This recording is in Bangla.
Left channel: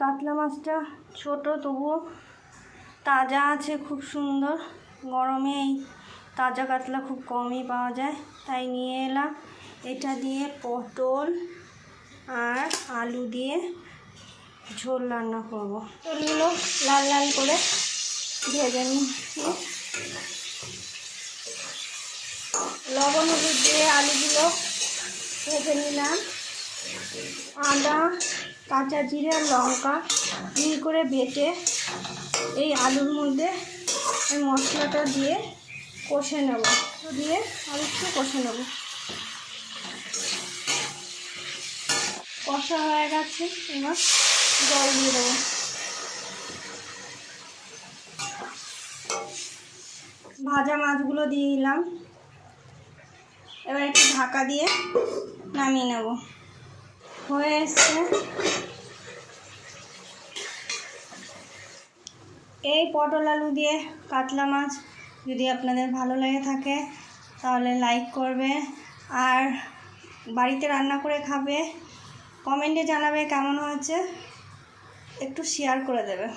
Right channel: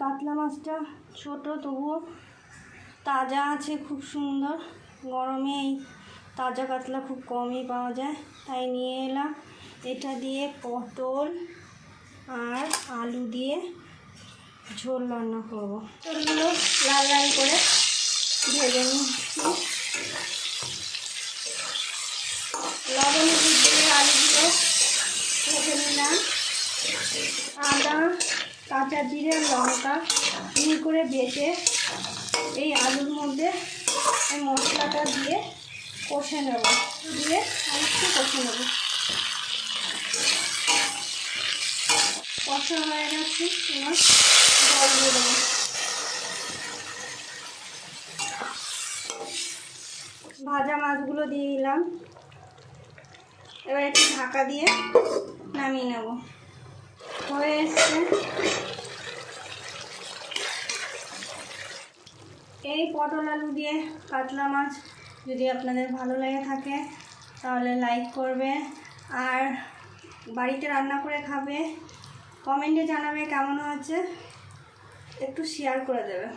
কাতলা মাছটা ছোট, তবুও তাজা আছে, খুব সুন্দর। গরমে এই তাজা কাতলা খুব কমই পাওয়া যায়, তাই নিয়ে এলাম। এটা দিয়ে পটল আর আলু দিয়ে ঝোল রান্না করব। পটলগুলো লাল লাল করে ভেজে নিচ্ছি। লবণ হলুদ দিয়ে আলুগুলো ভেজে নিলাম। আদা, কাঁচা জিরে আর লঙ্কা মিহি করে বেটে এই আলুর মধ্যে এই মশলাটা দিয়ে কষে নেব, দিয়ে আর একটু কষে নেব। কষা হয়ে গেছে, এবার জল দিয়ে দেবো। ভাজা মাছগুলো দিয়ে দিলাম। এবার একটু ঢাকা দিয়ে নামিয়ে নেব। হয়ে এসছে। এই পটল আলু দিয়ে কাতলা মাছ যদি আপনাদের ভালো লেগে থাকে তাহলে লাইক করবে, আর বাড়িতে রান্না করে খাবে। কমেন্টে জানাবে কেমন হয়েছে, একটু শেয়ার করে দেবে।